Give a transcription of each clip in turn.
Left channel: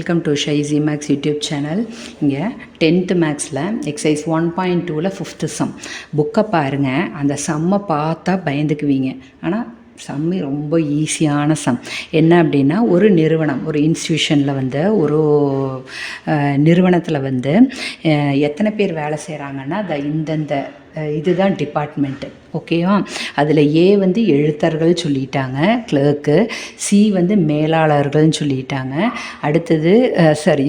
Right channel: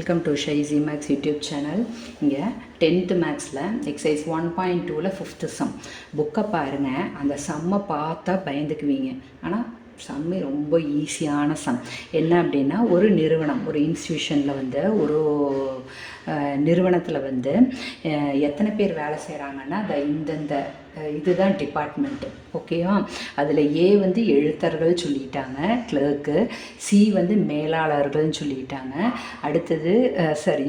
Welcome to ஷைசி maths YouTube channel இங்கே tenth மேக்ஸில் எக்ஸசைஸ் ஒன் பாயிண்ட் டூவில் ஃபிஃப்த்து சம் புக்கை பாருங்கள் அந்த சம்மை பார்த்தா பயந்துக்குவீங்க. ஆனால் சம்மி ரொம்ப ஈஸியான சம். என்ன அப்படின்னா ஒரு நிறுவனம் ஒரு இன்ஸ்டியூஷனில் வந்து ஒரு நிறுவனத்தில் வந்து எத்தனை பேர் வேலை செய்கிறாங்கன்னா அந்த இந்தந்த இதுதான் டிபார்ட்மெண்ட்டு ஓகேவா அதில் ஏ வந்து எழுத்தர்கள் சொல்லிட்டாங்க கிளர்க்கு சி வந்து மேலாளர்கள்னு சொல்லிட்டாங்க அடுத்தது சாரி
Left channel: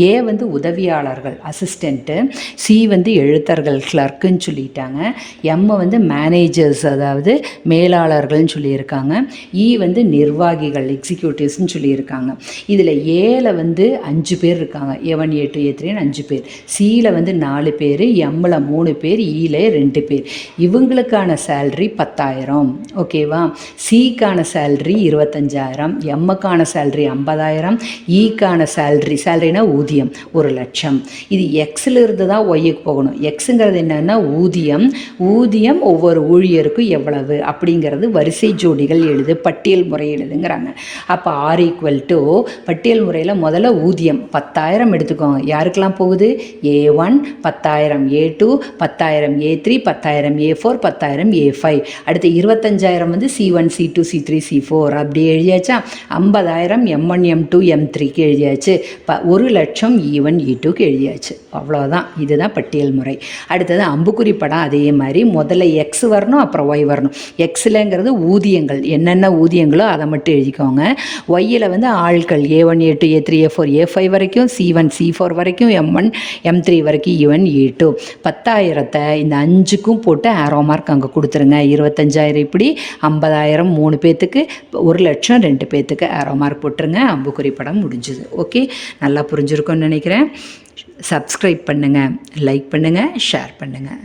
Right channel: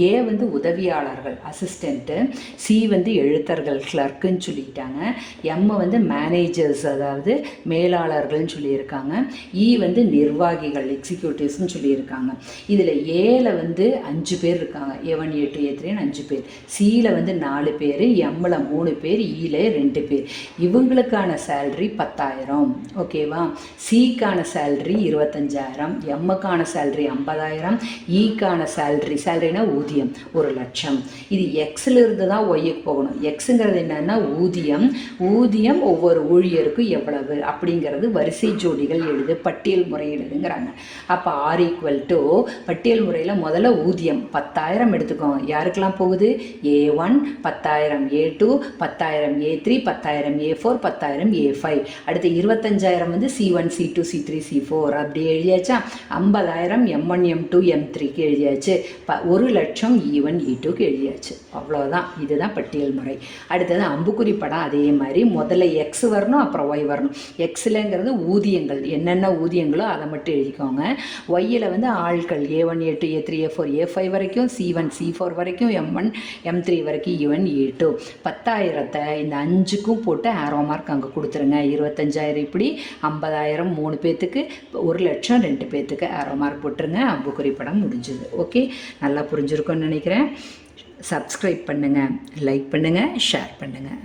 ஏ வந்து உதவியாளர்கள் அசிஸ்டண்ட்டு சி வந்து எழுத்தர்கள் கிளர்க்குன்னு சொல்லிட்டாங்க எம் வந்து மேனேஜர்ஸ் அதாவது மேலாளர்கள்னு சொல்லியிருக்காங்க. இ வந்து நிர்வாகிகள் எக்ஸிக்யூட்டிவ்ஸ்னு சொல்லியிருக்காங்க. இதில் ஏல வந்து அஞ்சு பேர் இருக்காங்க. எவன் எட்டு ஏ டூ த்ரீன்னு அஞ்சு பேர். சியில் வந்து நாலு பேர் எம்மில் மூணு பேர் e ஈல ரெண்டு பேர். இவங்களுக்கான சேல்ரி பத்தாயிரம். ஓகேவா சிக்கான சேல்ரி இருபத்தஞ்சாயிரம். எம்முக்கான சேல்ரி ஐம்பதாயிரம். ஈக்கான சேல்ரி சேல்ரினா ஊதியம் ஒரு லட்சம். இது எக்ஸில் இருந்து தான் ஒய்யுக்கு போகணும். எக்ஸுங்கிறது என்னென்னா ஊதியம். ஊதியம் ஒவ்வொரு ஊழியருக்கும் எவ்வளவு? அப்படிங்கிறது வரிசை ஜோடிகள் எழுது பட்டியல் முறை எழுதுங்கிறாங்க. அப்போ ஆர் ஈக்குவல் டு பட்டியல் முறையில் முதல்ல ஊதியம் பத்தாயிரம் எடுத்துக்கோங்க யாருக்கெல்லாம் போகுது? ஏ ஒன் பத்தாயிரம் ஏ டூ பத்தாயிரம் ஏ த்ரீ பத்தாயிரம் ஏ ஃபோர் பத்தாயிரம் ஏ ஃபைவ் அடுத்து இருபத்தஞ்சாயிரம் வந்து C one C two C three C four அப்படி எழுதியாச்சா? ஐம்பதாயிரம் M one M two M த்ரீக்கு எழுதியாச்சு. ப ஒரு லட்சம் இ ஒன் இ டூக்கு எழுதியாச்சு. அவ்வளோதான் இதுதான் பட்டியல் முறை. அடுத்தது அம்புக்குறி படம் அதே மாதிரி. முதல்ல எக்ஸ் வரணும் அப்புறம் ஒய் வரணும். எக்ஸில்ங்கிறது ஊதியங்கள் என்னென்ன ஊதியங்களோ அதை மட்டும் எழுதிக்கோங்க. ஒய்யில் வந்து ஆட்கள் A one A two A three A four A five வரைக்கும் சி ஒன் சி ஃபோர் வரைக்கும் எம் ஒன் எம் த்ரீ வரைக்கும் இ ஒன் ஏ டூ பத்தாயிரத்தை இந்த அஞ்சுக்கும் போட்டு ஆரோ மார்க் அங்கே கொடுத்துருங்க. இருபத்தஞ்சாயிரம் இப்படி ஐம்பதாயிரம் மூணு பேர்த்துக்கு ஒரு லட்சம் ரெண்டு பேர்த்துக்கு ஆரோ மார்க் போட்டுருங்க. அம்புக்குறி படம் முடிஞ்சுது. ஓகே நல்லா புரிஞ்சுருக்கோன்னு நினைக்கிறேன். சப்ஸ்கிரைப் பண்ணுங்கள் லைக் பண்ணுங்கள் ஷேர் பண்ணுங்கள்